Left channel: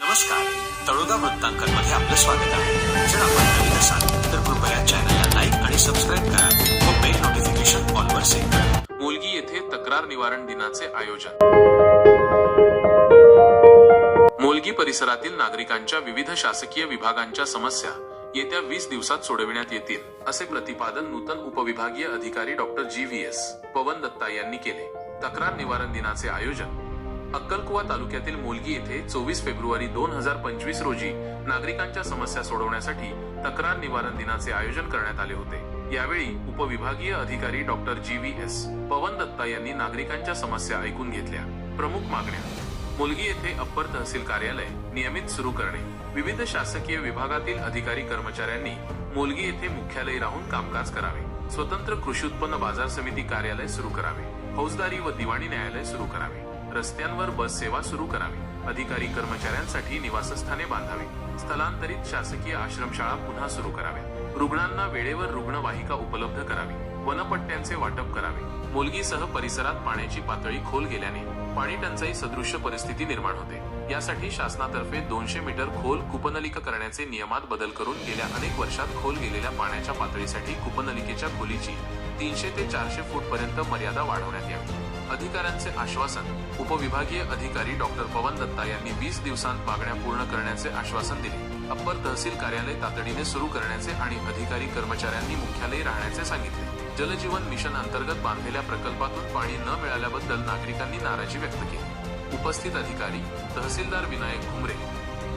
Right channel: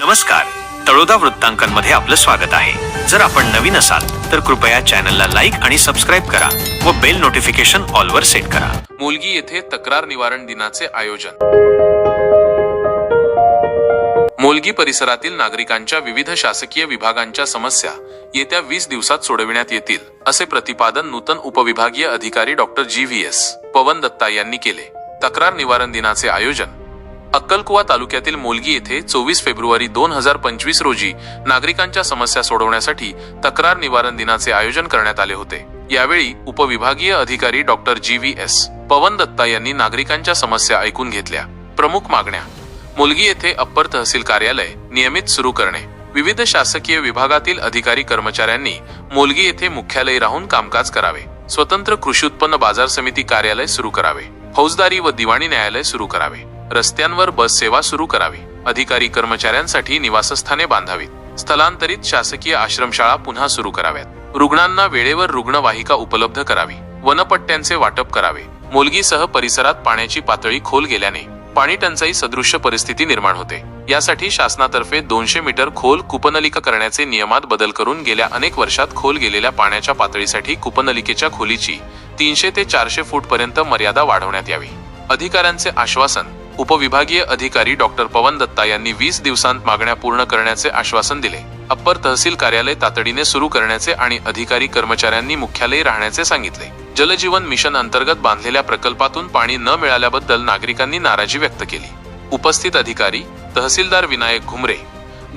नमस्कार. तळोदा वृत्तांकनमध्ये आपलं स्वागत आहे. जर आपण नवीन असाल तर कृपया चॅनलला लाईक आणि सबस्क्राईब करा व बेल नोटिफिकेशन ऑलवर सेट करा. मुलगी येथे तक्रार निवारण दिनाचे आयोजन. मोलगी परिसरातील नागरिकांच्या विविध शासकीय विभागांच्या समस्या येत्या वीस दिवसात सोडविण्यात येतील असे प्रतिपादन नूतन उपविभागीय अधिकारी doctor G V S Pavan Datta यांनी केले. तक्रार निवारण दिनाचे आयोजन अक्कलकुवा तालुक्यातील मोलगी येथे चोवीस फेब्रुवारी दोन हजार पंचवीस रोजी नागरिकांच्या समस्या सोडवण्यासाठी तक्रार निवारण दिनाचे आयोजन करण्यात आले होते. यावेळी उपविभागीय अधिकारी doctor G V S Pavan Datta यांनी नागरिकांच्या समस्या ऐकून घेतल्या. प्रमुख मागण्या मुलगी येथे अप्पर तहसील कार्यालय नियमित सुरू करणे. विविध शासकीय विभागातील अधिकारी कर्मचाऱ्यांनी मोलगी येथे मुख्यालय राहून कामकाज करावे. स्वतंत्र कृषी उत्पन्न बाजार समिती कार्यालय सुरू करावे. फौजदारी व दिवाणी न्यायालय सुरू करावे. रस्त्यांवर बस सेवा सुरू करावी. अधिकारी कर्मचाऱ्यांसाठी निवासस्थाने बांधावीत. स्थलांतरित शासकीय आश्रमशाळा पुन्हा सुरू कराव्यात. रुग्णांना वेळेवर रुग्णवाहिका उपलब्ध करावी. वनपट्ट्यांचे वाटप करावे. मुलगीसह परिसरात पाण्याची पातळी खोल गेल्याने पाणी टंचाई सदृश्य परिस्थिती निर्माण होते. यासाठी शासनातर्फे दोनशे मीटर खोल कुपनलिका करण्याचे नियमात बदल करून गेल्या अनेक वर्षात खोल गेलेल्या पाण्याच्या पातळीसाठी कुपनलिकेच्या खोलीची तीनशे ते चारशे फूट पर्यंत मर्यादा वाढवण्यात यावी. अधिकाऱ्यांचे आश्वासन उपविभागीय अधिकारी डॉक्टर पवन दत्ता यांनी वीस दिवसांत मागण्या पूर्ण करण्याचे आश्वासन दिले. अप्पर तहसील कार्यालय तातडीने सुरू करण्याचे आणि अधिकारी कर्मचाऱ्यांनी मुख्यालयी राहण्याचे सांगितले. जलजीवन मिशन अंतर्गत बांधलेल्या प्रकल्पातून पाणी न मिळाल्याबद्दल नागरिकांनी नाराजी व्यक्त केली. उपस्थित अधिकारी तहसीलदार विनायक घुमरे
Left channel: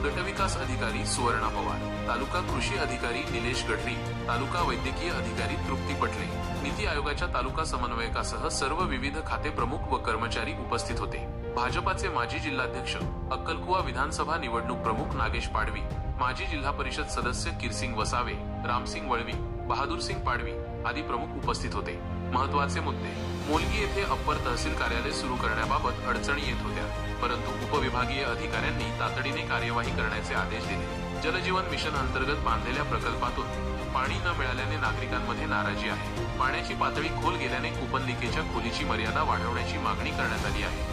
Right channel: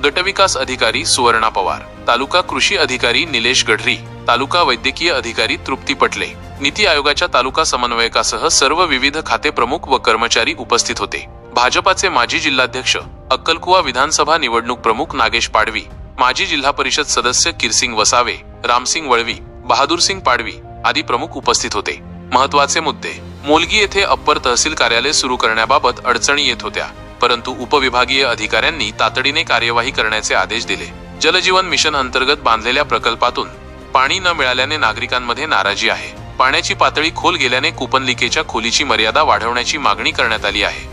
गटविकास अधिकारी सुवर्णा पवार तालुका कृषी अधिकारी निलेश गढरी तालुका वैद्यकीय अधिकारी तृप्ती पटले. नीती आयोगाच्या तालुका समन्वयकासह सर्व विविध खाते प्रमुख व कर्मचारी उपस्थित होते. भाजपाचे माजी जिल्हाध्यक्ष अक्कलकुवा विधानसभा निवडणूक प्रमुख नागेश पाडवी माजी जिल्हा परिषद सदस्य किरसिंग वसावे रामसिंग वळवी बहादूरसिंग पाडवी आदी प्रमुख उपस्थित होते. महत्त्वाचे मुद्दे. मोलगी येथे अप्पर तहसील कार्यालय सुरू करण्याबाबत अडचणी येत होत्या. परंतु उपविभागीय अधिकाऱ्यांनी तातडीने कार्यवाही करण्याचे आदेश दिले. जलजीवन मिशन अंतर्गत बांधलेल्या प्रकल्पातून पाणी न मिळाल्याने नागरिकांमध्ये नाराजी आहे. पाण्याची पातळी खोल गेल्याने कुपनलिकेच्या खोलीची मर्यादा वाढवण्याची मागणी करण्यात आली आहे.